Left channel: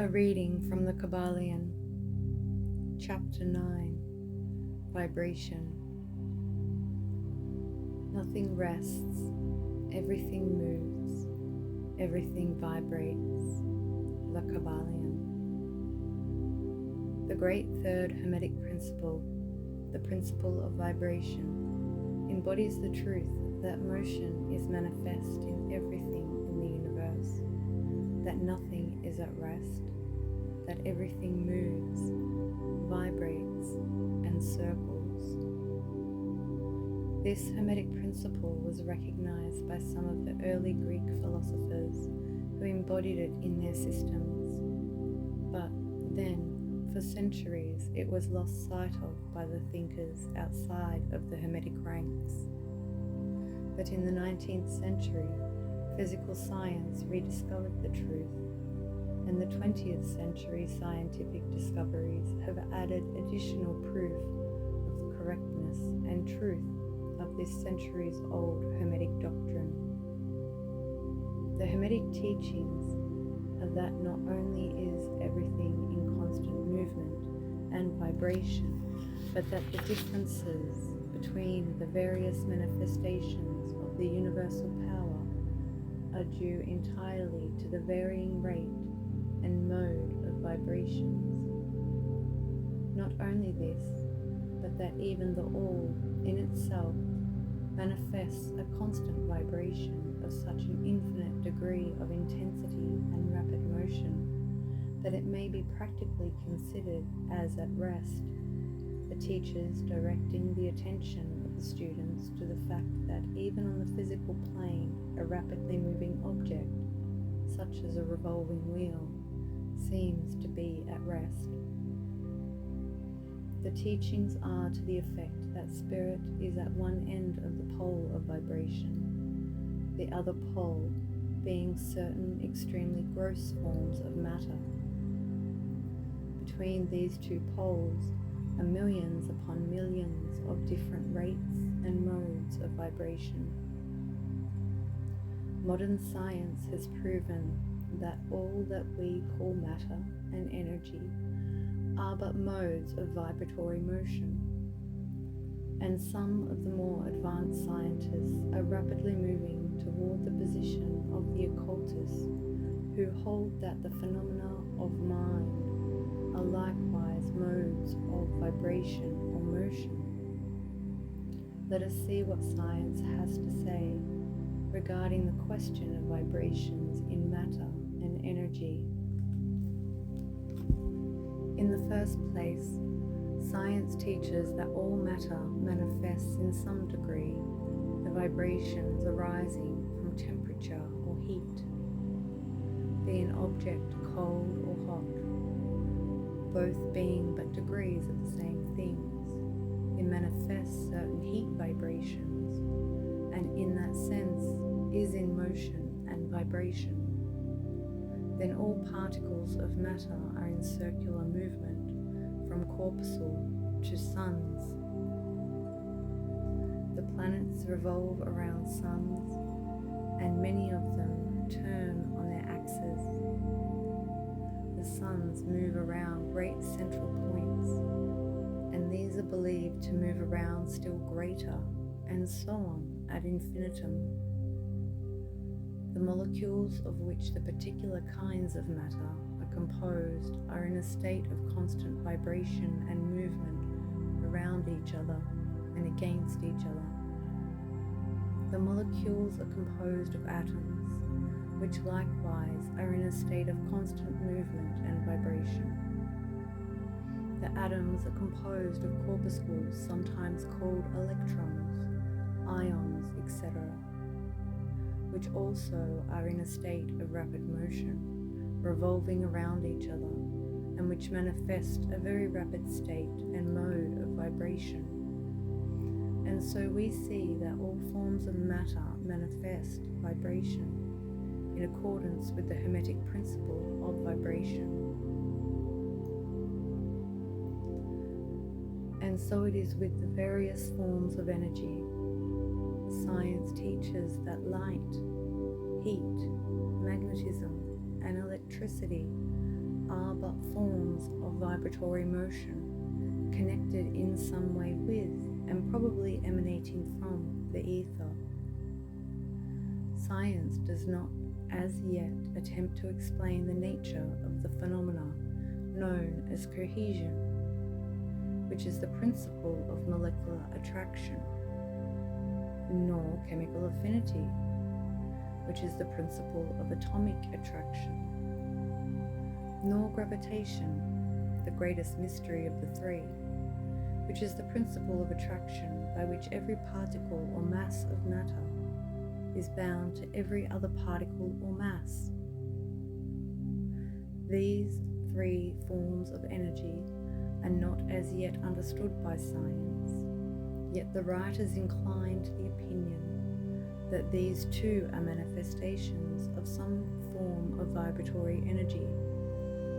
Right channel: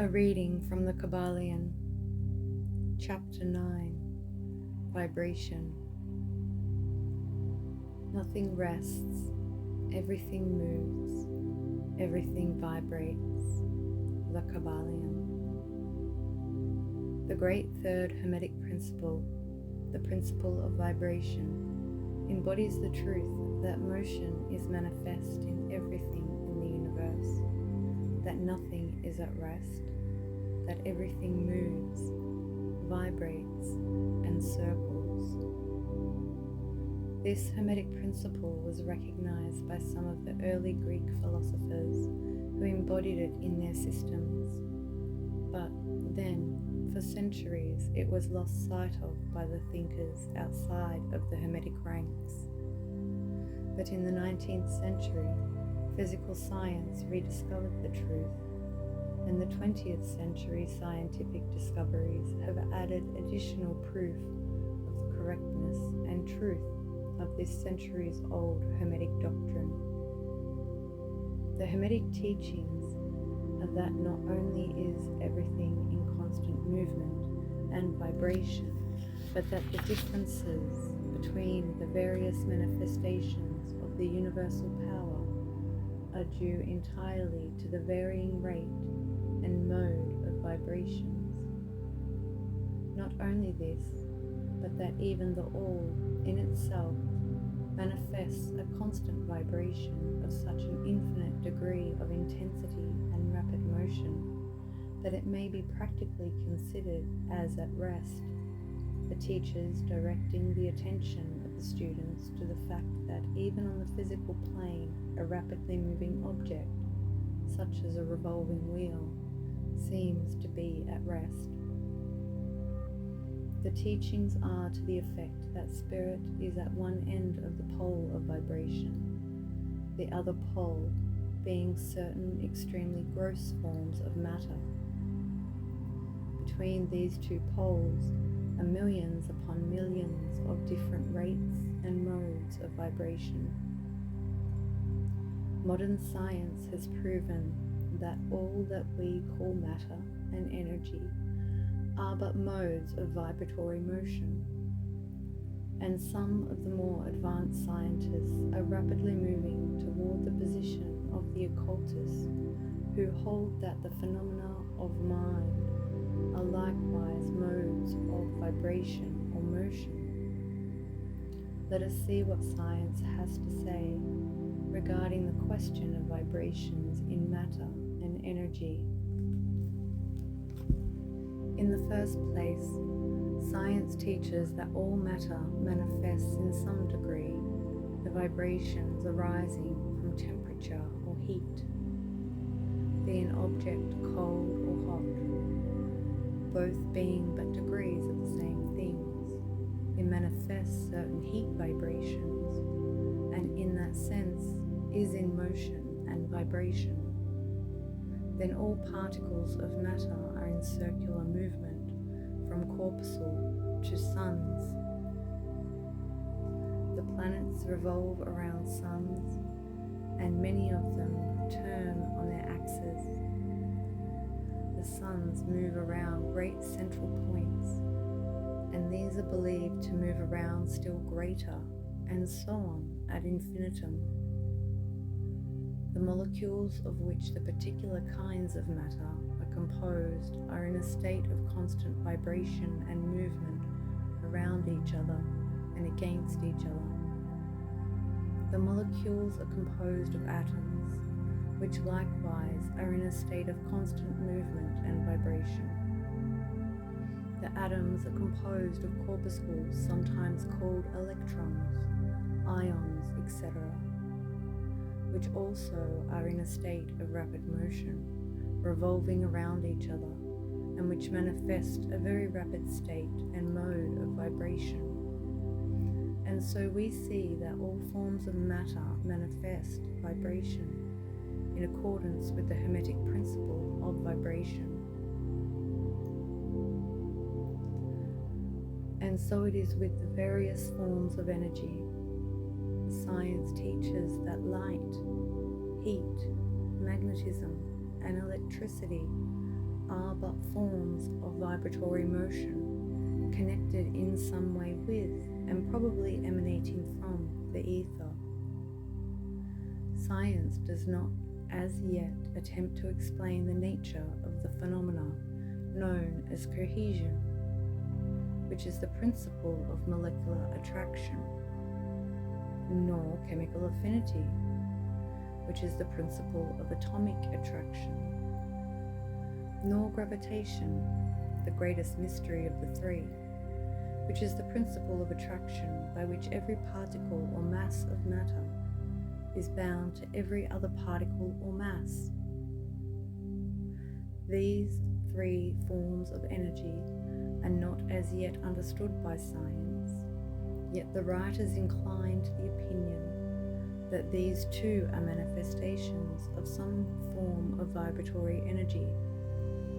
A reading from the Kybalion, Chapter 9, Vibration. Nothing rests, everything moves, everything vibrates. The Kybalion. The great third Hermetic principle, the principle of vibration, embodies the truth that motion is manifest in everything in the universe, that nothing is at rest, that everything moves, vibrates, and circles. This Hermetic principle was recognized by some of the early Greek philosophers who embodied it in their systems. But then, for centuries, it was lost sight of by the thinkers outside of the Hermetic ranks. But in the 19th century, physical science rediscovered the truth, and the 20th century scientific discoveries have added additional proof of the correctness and truth of this centuries-old Hermetic doctrine. The Hermetic teachings are that not only is everything in constant movement and vibration, but that the differences between the various manifestations of the universal power are due entirely to the varying rate and mode of vibrations. Not only this, but that even the all in itself manifests a constant vibration of such an infinite degree of intensity and rapid motion that it may be practically considered as at rest, the teachers directing the attention of the students to the fact that even on the physical plane, a rapidly moving object, such as a revolving wheel, seems to be at rest. The teachings are to the effect that spirit is at one end of the pole of vibration, the other pole being certain extremely gross forms of matter. Between these two poles are millions upon millions of different rates and modes of vibration. Modern science has proven that all that we call matter and energy are but modes of vibratory motion, and some of the more advanced scientists are rapidly moving toward the position of the occultists, who hold that the phenomena of mind are likewise modes of vibration or motion. Let us see what science has to say regarding the question of vibrations in matter and energy. In the first place, science teaches that all matter manifests in some degree the vibrations arising from temperature or heat, be an object cold or hot, both being but degrees of the same things. It manifests certain heat vibrations, and in that sense is in motion and vibration. Then all particles of matter are in circular movement from corpuscle to suns. The planets revolve around suns, and many of them turn on their axes. The suns move around great central points, and these are believed to move around still greater, and so on ad infinitum. The molecules of which the particular kinds of matter are composed are in a state of constant vibration and movement around each other and against each other. The molecules are composed of atoms, which likewise are in a state of constant movement and vibration. The atoms are composed of corpuscles, sometimes called electrons, ions, etc., which also are in a state of rapid motion, revolving around each other, and which manifest a very rapid state and mode of vibration. And so we see that all forms of matter manifest vibration in accordance with the Hermetic principle of vibration. And so it is with the various forms of energy. Science teaches that light, heat, magnetism, and electricity are but forms of vibratory motion, connected in some way with and probably emanating from the ether. Science does not as yet attempt to explain the nature of the phenomena known as cohesion, which is the principle of molecular attraction, nor chemical affinity, which is the principle of atomic attraction, nor gravitation, the greatest mystery of the three, which is the principle of attraction by which every particle or mass of matter is bound to every other particle or mass. These three forms of energy are not as yet understood by science, yet the writers incline to the opinion that these too are manifestations of some form of vibratory energy,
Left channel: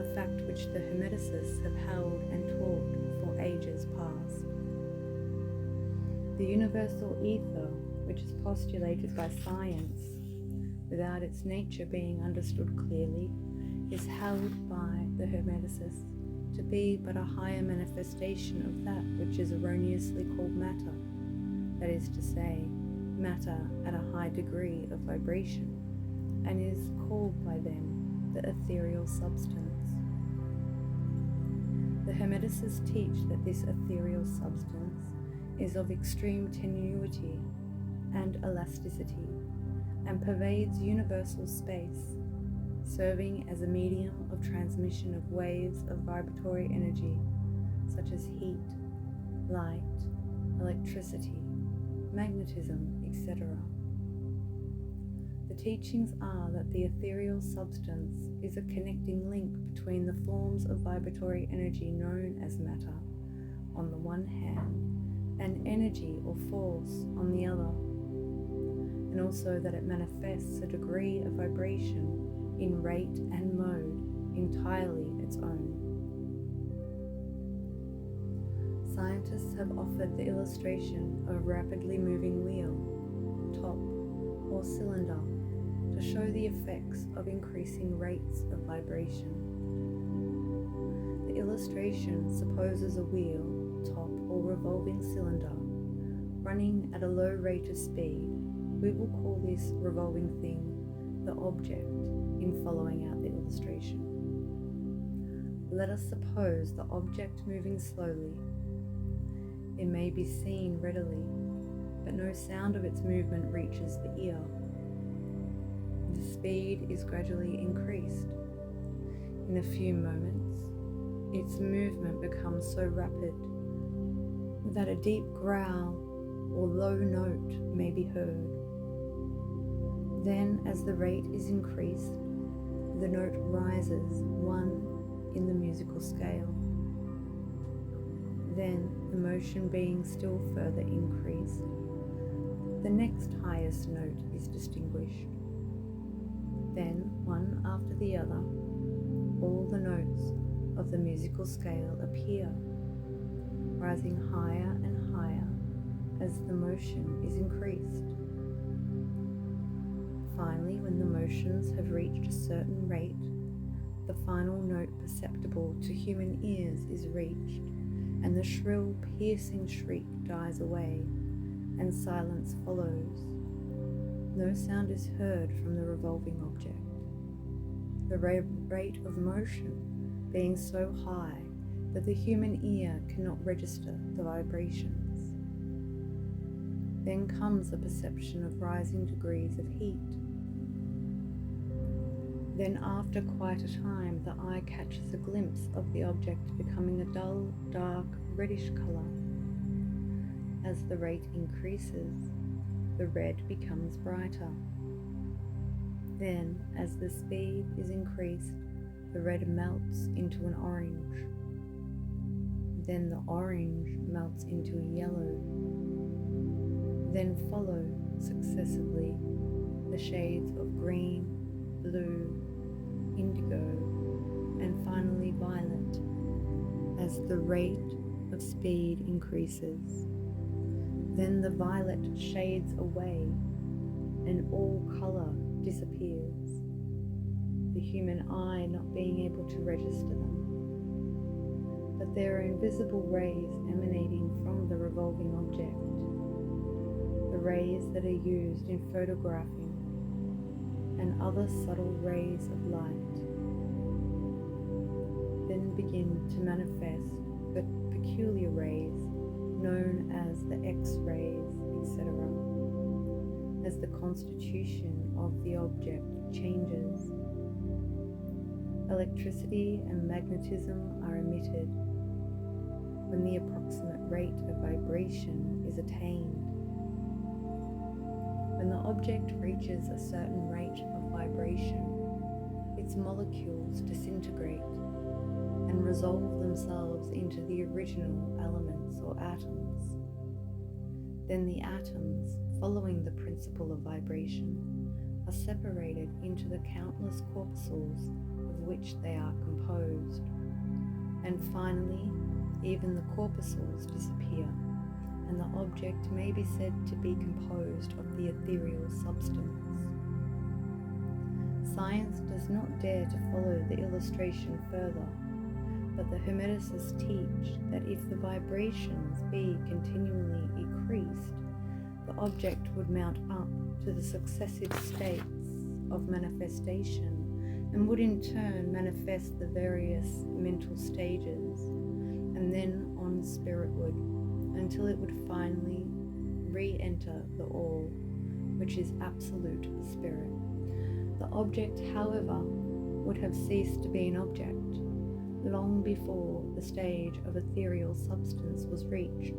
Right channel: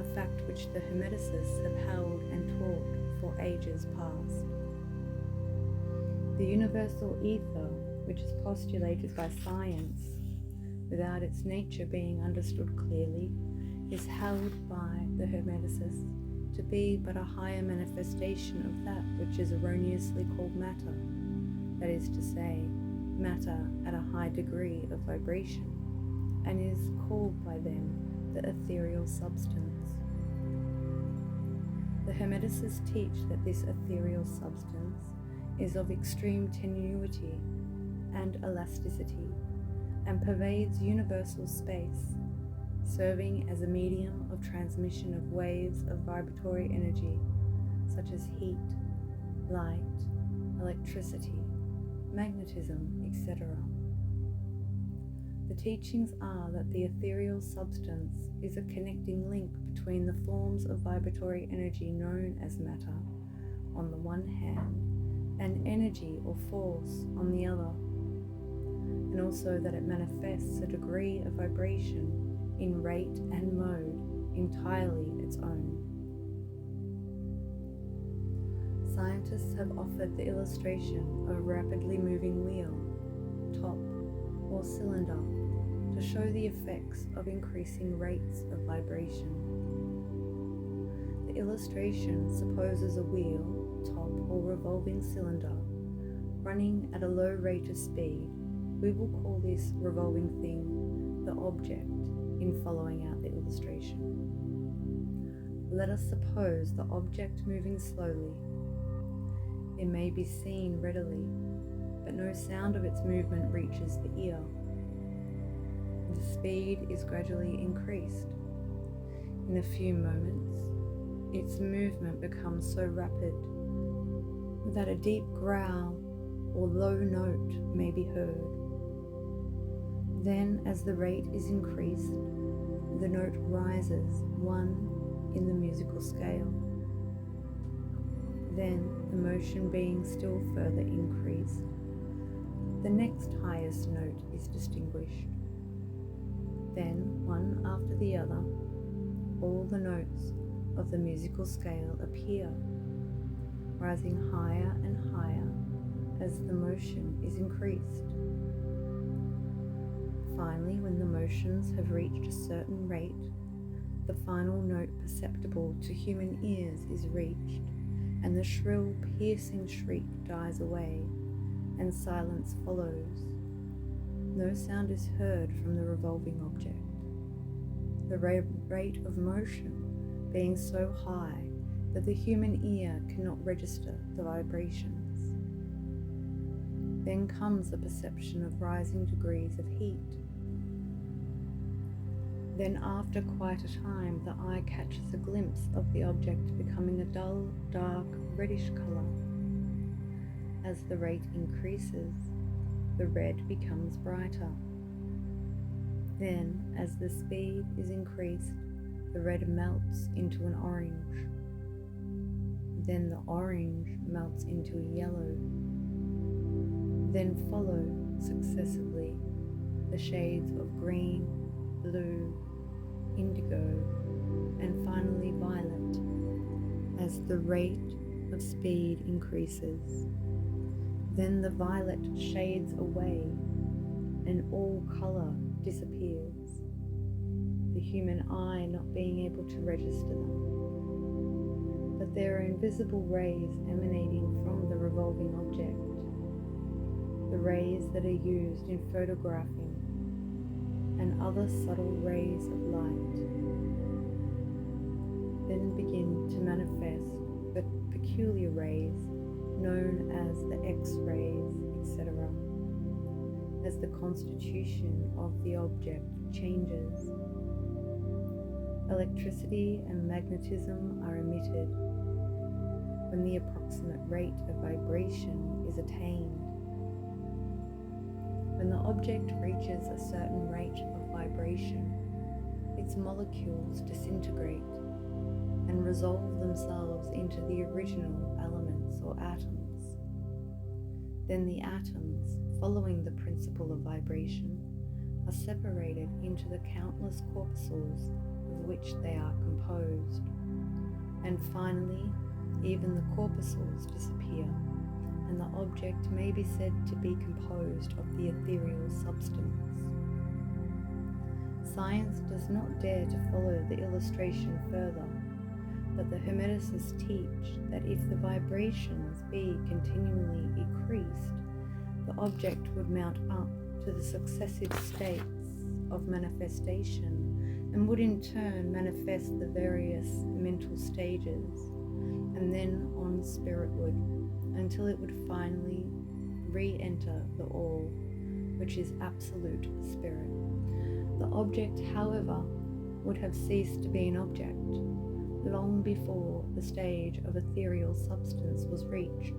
a fact which the Hermeticists have held and taught for ages past. The universal ether, which is postulated by science, without its nature being understood clearly, is held by the Hermeticists to be but a higher manifestation of that which is erroneously called matter, that is to say, matter at a high degree of vibration, and is called by them the ethereal substance. The Hermeticists teach that this ethereal substance is of extreme tenuity and elasticity, and pervades universal space, serving as a medium of transmission of waves of vibratory energy such as heat, light, electricity, magnetism, etc. The teachings are that the ethereal substance is a connecting link between the forms of vibratory energy known as matter on the one hand, and energy or force on the other, and also that it manifests a degree of vibration in rate and mode entirely its own. Scientists have offered the illustration of a rapidly moving wheel, top, or cylinder to show the effects of increasing rates of vibration. The illustration supposes a wheel, top, or revolving cylinder running at a low rate of speed. We will call this revolving thing the object in following out the illustration. Let us suppose the object moving slowly. It may be seen readily, but no sound of its movement reaches the ear. The speed is gradually increased. In a few moments, its movement becomes so rapid that a deep growl or low note may be heard. Then, as the rate is increased, the note rises one in the musical scale. Then, the motion being still further increased, the next highest note is distinguished. Then, one after the other, all the notes of the musical scale appear, rising higher and higher as the motion is increased. Finally, when the motions have reached a certain rate, the final note perceptible to human ears is reached, and the shrill, piercing shriek dies away, and silence follows. No sound is heard from the revolving object. The rate of motion being so high that the human ear cannot register the vibrations. Then comes the perception of rising degrees of heat. Then, after quite a time, the eye catches a glimpse of the object becoming a dull, dark, reddish color. As the rate increases, the red becomes brighter. Then, as the speed is increased, the red melts into an orange. Then the orange melts into a yellow. Then follow successively the shades of green, blue, indigo, and finally violet as the rate of speed increases. Then the violet shades away and all color disappears. the human eye not being able to register them. But there are invisible rays emanating from the revolving object, the rays that are used in photographing, and other subtle rays of light then begin to manifest the peculiar rays known as the X-rays, etc., as the constitution of the object changes. Electricity and magnetism are emitted when the approximate rate of vibration is attained. When the object reaches a certain rate of vibration, its molecules disintegrate and resolve themselves into the original elements or atoms. Then the atoms, following the principle of vibration, are separated into the countless corpuscles of which they are composed. And finally, even the corpuscles disappear, and the object may be said to be composed of the ethereal substance. Science does not dare to follow the illustration further, but the Hermeticists teach that if the vibrations be continually increased, the object would mount up to the successive states of manifestation and would in turn manifest the various mental stages and then on spiritward until it would finally re-enter the all, which is absolute spirit. The object, however, would have ceased to be an object long before the stage of ethereal substance was reached.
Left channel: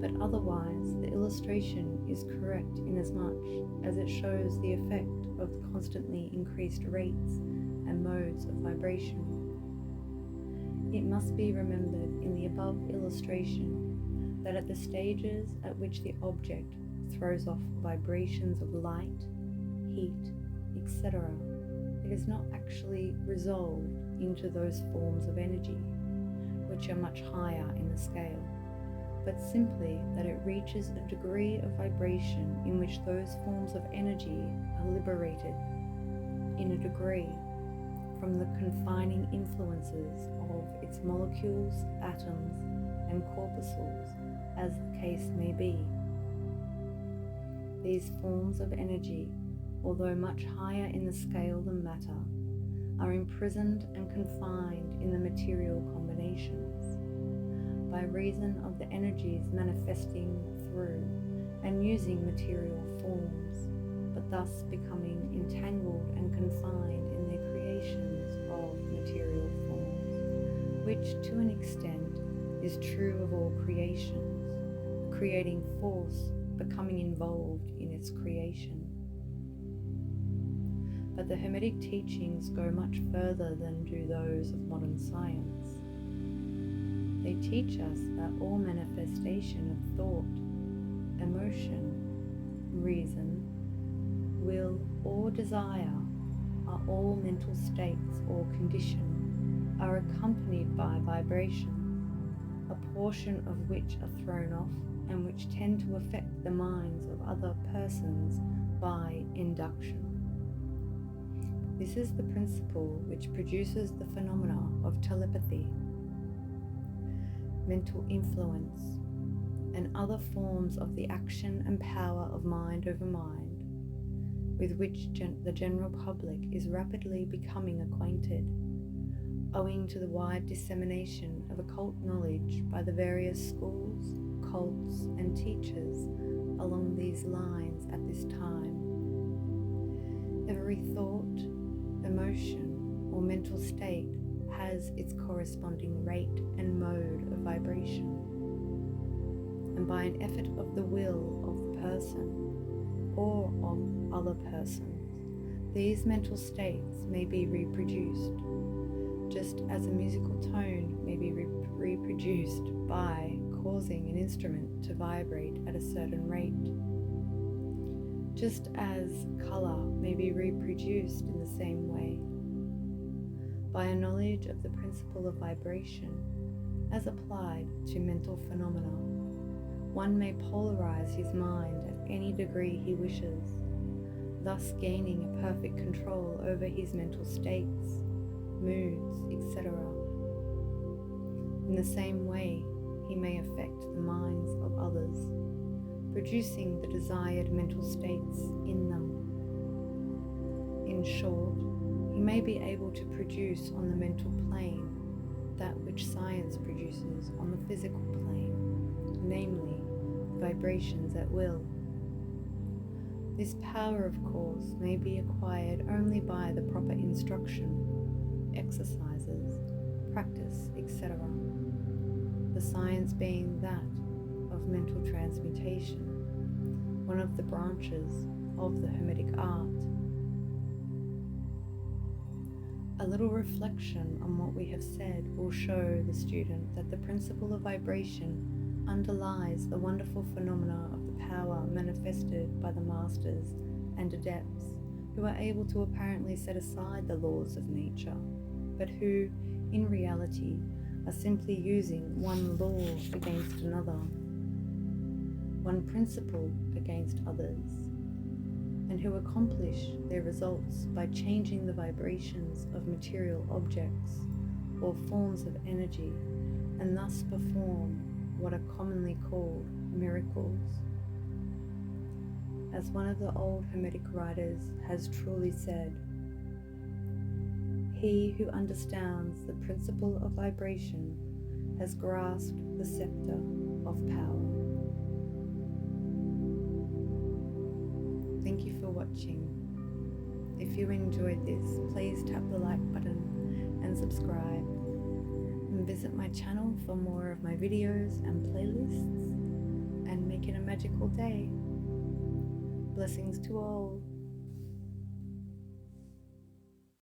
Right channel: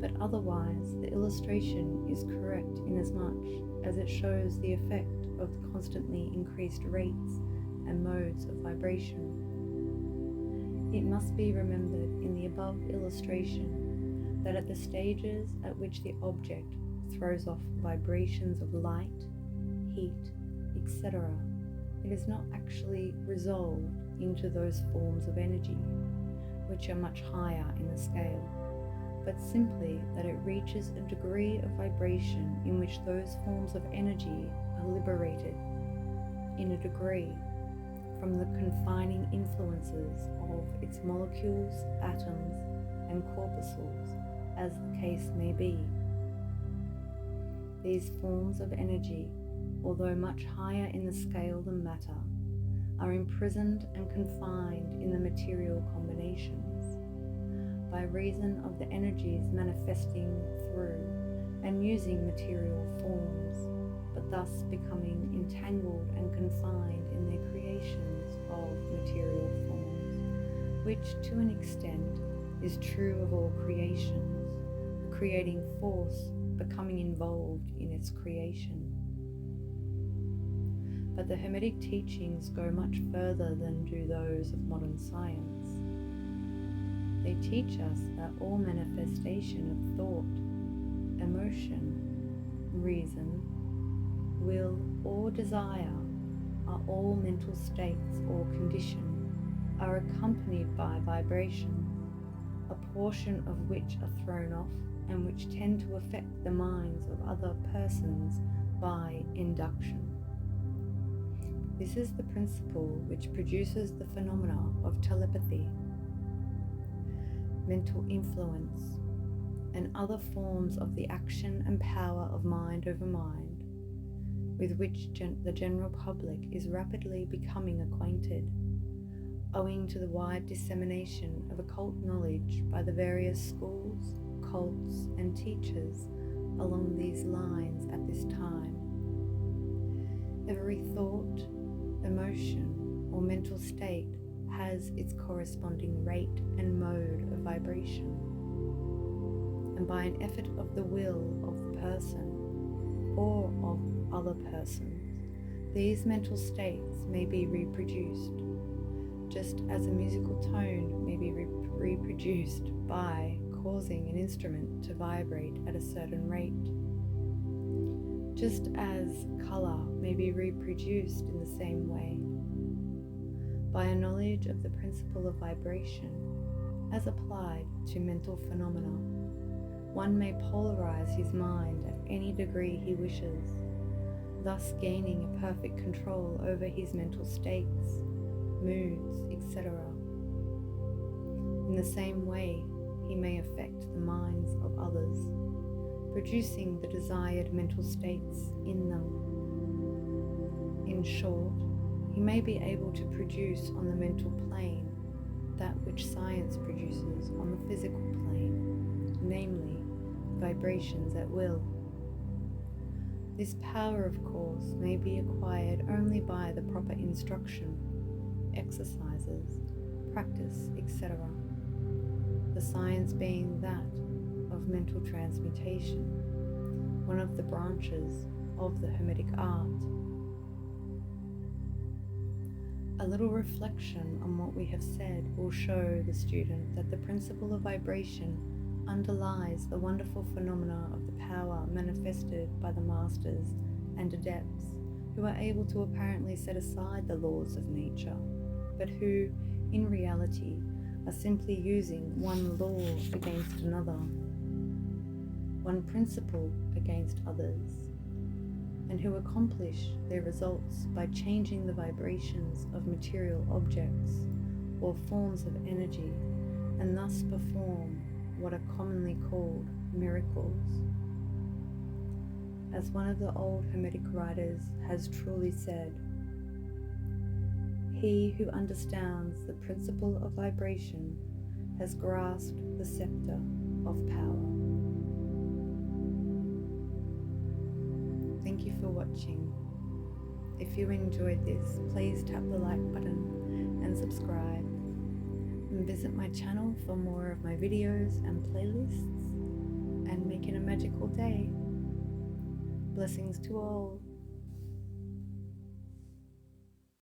But otherwise, the illustration is correct inasmuch as it shows the effect of the constantly increased rates and modes of vibration. It must be remembered in the above illustration that at the stages at which the object throws off vibrations of light, heat, etc., it is not actually resolved into those forms of energy, which are much higher in the scale, but simply that it reaches a degree of vibration in which those forms of energy are liberated in a degree from the confining influences of its molecules, atoms, and corpuscles, as the case may be. These forms of energy, although much higher in the scale than matter, are imprisoned and confined in the material combinations by reason of the energies manifesting through and using material forms, but thus becoming entangled and confined in their creations of material forms, which to an extent is true of all creations, the creating force becoming involved in its creation. But the Hermetic teachings go much further than do those of modern science. They teach us that all manifestation of thought, emotion, reason, will, or desire are all mental states or condition, are accompanied by vibrations, a portion of which are thrown off and which tend to affect the minds of other persons by induction. This is the principle which produces the phenomena of telepathy, mental influence, and other forms of the action and power of mind over mind, with which the general public is rapidly becoming acquainted, owing to the wide dissemination of occult knowledge by the various schools, cults, and teachers along these lines at this time. Every thought, emotion, or mental state has its corresponding rate and mode of vibration, and by an effort of the will of the person or of other persons, these mental states may be reproduced, just as a musical tone may be reproduced by causing an instrument to vibrate at a certain rate, just as colour may be reproduced in the same way. By a knowledge of the principle of vibration, as applied to mental phenomena, one may polarize his mind at any degree he wishes, thus gaining a perfect control over his mental states, moods, etc. In the same way, he may affect the minds of others, producing the desired mental states in them. In short, he may be able to produce on the mental plane that which science produces on the physical plane, namely, vibrations at will. This power, of course, may be acquired only by the proper instruction, exercises, practice, etc. The science being that of mental transmutation, one of the branches of the Hermetic art. A little reflection on what we have said will show the student that the principle of vibration underlies the wonderful phenomena of the power manifested by the masters and adepts who are able to apparently set aside the laws of nature, but who, in reality, are simply using one law against another, one principle against others, and who accomplish their results by changing the vibrations of material objects or forms of energy, and thus perform what are commonly called miracles. As one of the old Hermetic writers has truly said, "He who understands the principle of vibration has grasped the scepter of power." Thank you for watching. If you enjoyed this, please tap the like button and subscribe. And visit my channel for more of my videos and playlists. And make it a magical day. Blessings to all.